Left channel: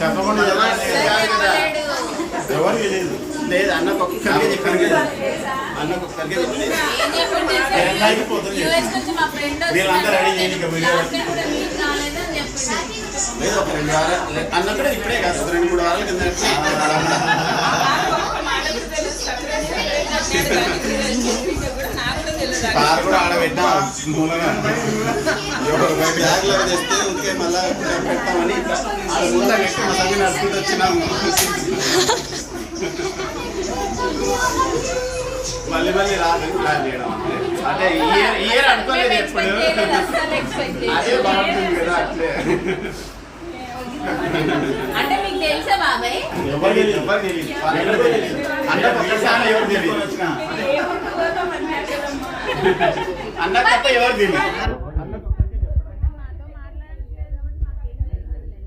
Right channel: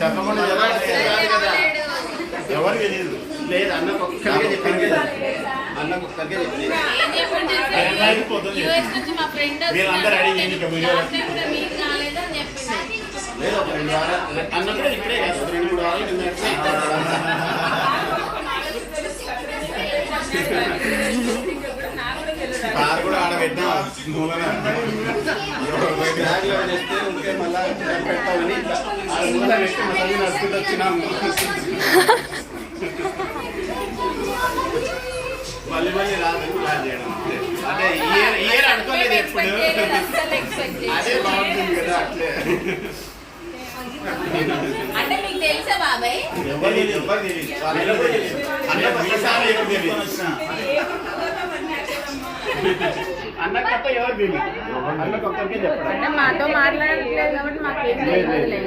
చెప్పకుండా ఎవరికి లేదు లేదు అన్నకు ఒక్కరికే చెప్పాను కదా అన్నకు ఒక్కరికే చెప్పలేదు పోతుంది వీళ్ళందరూ రెడీ చేయండి ఇక వీడియో లేదు ఒక 2 వారాలు అన్న కూడా ఇప్పుడే కాదు ఒక 2-3 వారాల కింద కారు కూడా ఆడబెట్టినా బ్యాగ్లో తెస్తే ఉంటే మళ్ళీ పెట్టామని మూల పెట్టి మా సంగతి నడుచుకుంటూ వచ్చినాము మళ్ళీ మళ్ళీ రాదని ప్లాన్ చేయడం అంటే ఇయర్ అనుకోలేదు ఎప్పుడు అదే బాగుంటుంది కదా అట్లే ఎవరు తెలియదు అన్న ఒక్కసారి ఎవరు తెలియదు అన్న తప్ప ఎవరు తెలియదు అన్నకు ఒక్కరికే చెప్పడం మాతో మాట్లాడట్లేదు కాబట్టి మాకు ఏం తెలియదు.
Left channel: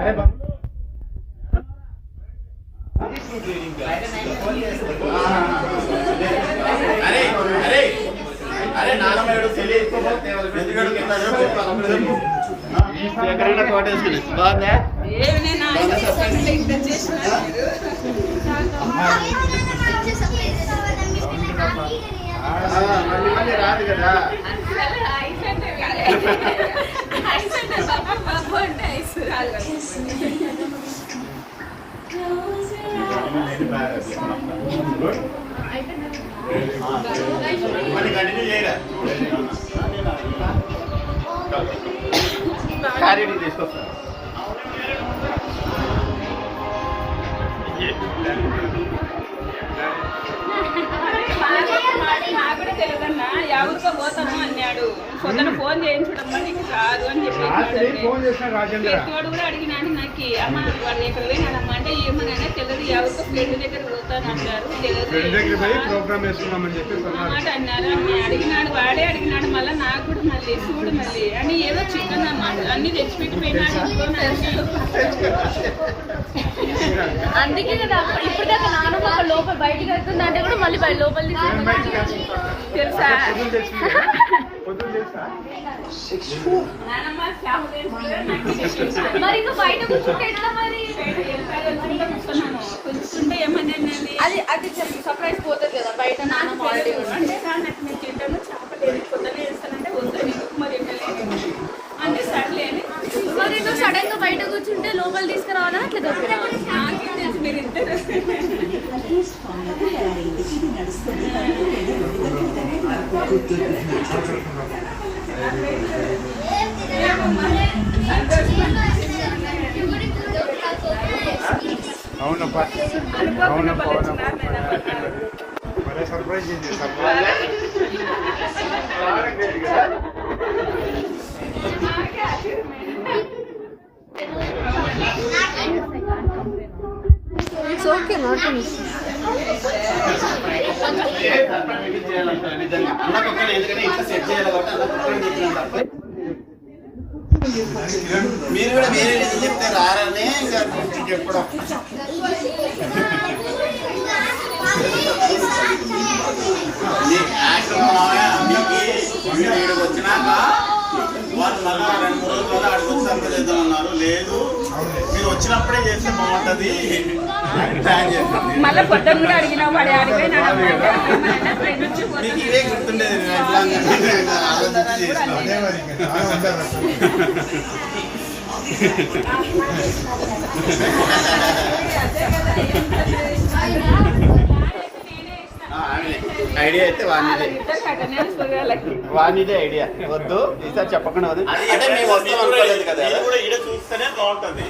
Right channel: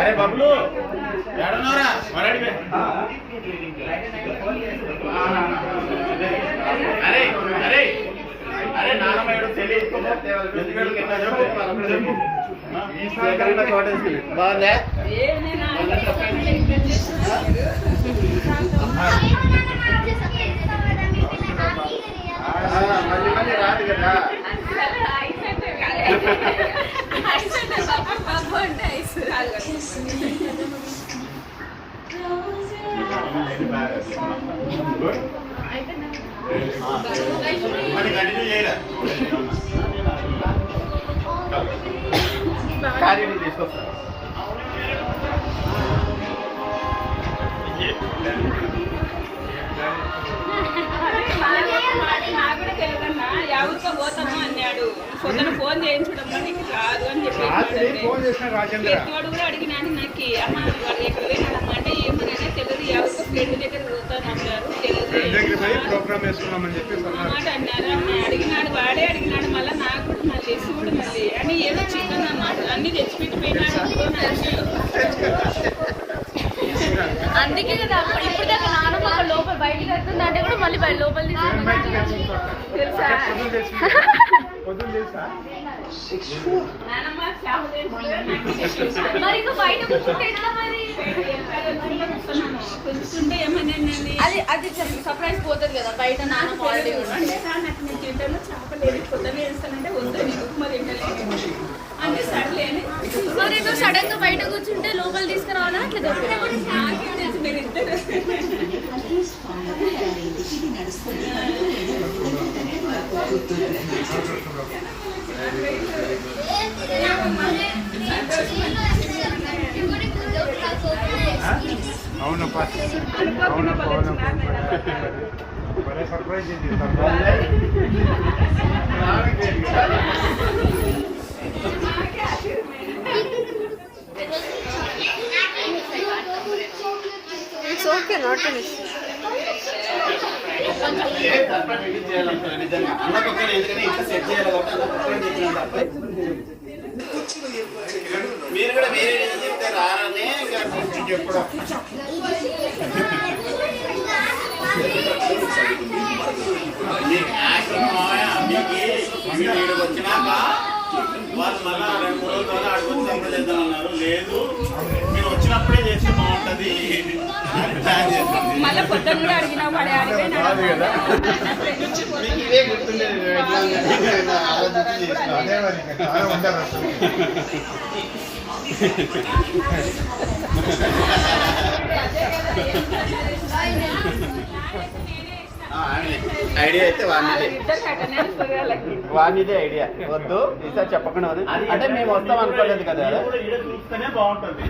అరే బబ్లు అరే అరే అరే నాన్నమేడు తెలియకపోతే కోట వేసుకుని బాగుందా మళ్ళీ మళ్ళీ రాదు కదా కంటిన్యూ చేయరా కార్యానికి తీసుకొస్తా నాకు కూడా తెలియదన్నా ఎవరికో పోతాను అన్నాడు. పొద్దున ఫోన్ చేయించడం నీకు రాదు అని చెప్పి కూడా అడిగినాను. నాకు అమ్మ వాళ్ళు ఎక్కడ పోయినాడమ్మ అంటే ఏమన్నా తెలియదు ఎవరికో ఫ్రెండ్ దగ్గర పోతాను అన్నారు. మాట అన్నారు. అడిగినాడు వాడే అడిగినాడు. మళ్ళీ నాకు కూడా మళ్ళీ చూడు మళ్ళీ అని ఏదో చికెన్ అన్నమాట అన్ని తెచ్చిపెట్టిపోయినాడు. అందుకే కదా ఇప్పుడు దాకా నాన్న లోపల బయటకు వెళ్తుందంటే కూడా మళ్ళీ లోపల తెలుసా అది అది సర్ప్రైజ్ పోతుంది కదా బయట మరి సడన్ గా బయట కూర్చుంటే లోపల తీసుకురావాలని అట్లా అవునప్పా surprise It's okay, not an issue. మీరు కూడా మీరే చెప్తే రారనే చెప్పడం వచ్చినాక వాళ్ళు మళ్ళీ 2-3 రోజులు అడుగుతూ సంప్రదిద్దామన్నారు. లేదు మీరు వచ్చినప్పుడే చేస్తే బాగుంటది ప్లాన్ చేస్తాం. మళ్ళీ పొద్దున్న కూడా అడిగినావు మీకు ఇవే గుర్తుండేది ఆలోచించి చేసినాం. ఐడియా అయితే వానిదే ఐడియా వద్దు ఈసారి చెప్పకుండా వద్దు అంటే మేము వస్తాం అనుకోలేదు కదా. చూస్తేనే బాగుంటుంది.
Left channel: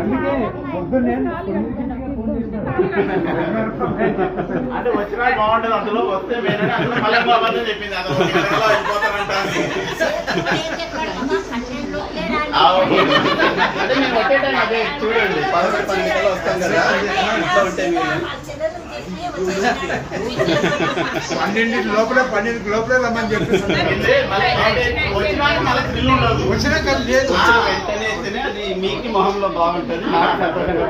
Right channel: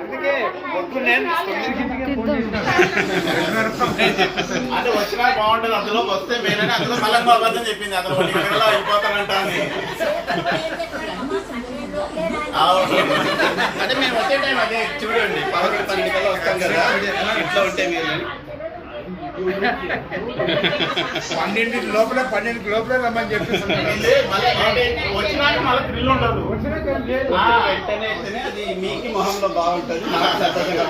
అందుకే పొద్దున్నే అంటే వచ్చినా బాగుంటుంది. అందులో వస్తే వేరే అందులో మళ్ళీ అబద్ధం చెప్పింది. అందులో అయిపోతానంటాను. అంటే మేము ఒకే టైం అదే చూడండి 11-12 కల్లా వస్తాం కదా. ఇంట్లో ఉంటే మీరు 12 లోపలే రమ్మని చెప్పి వచ్చినాక మళ్ళీ థ్రిల్ ఉండదు. వచ్చినాక లేదు వెంటనే అది మీకు మొహంలో బాగుంటుంది. నాకు సంతోషంగా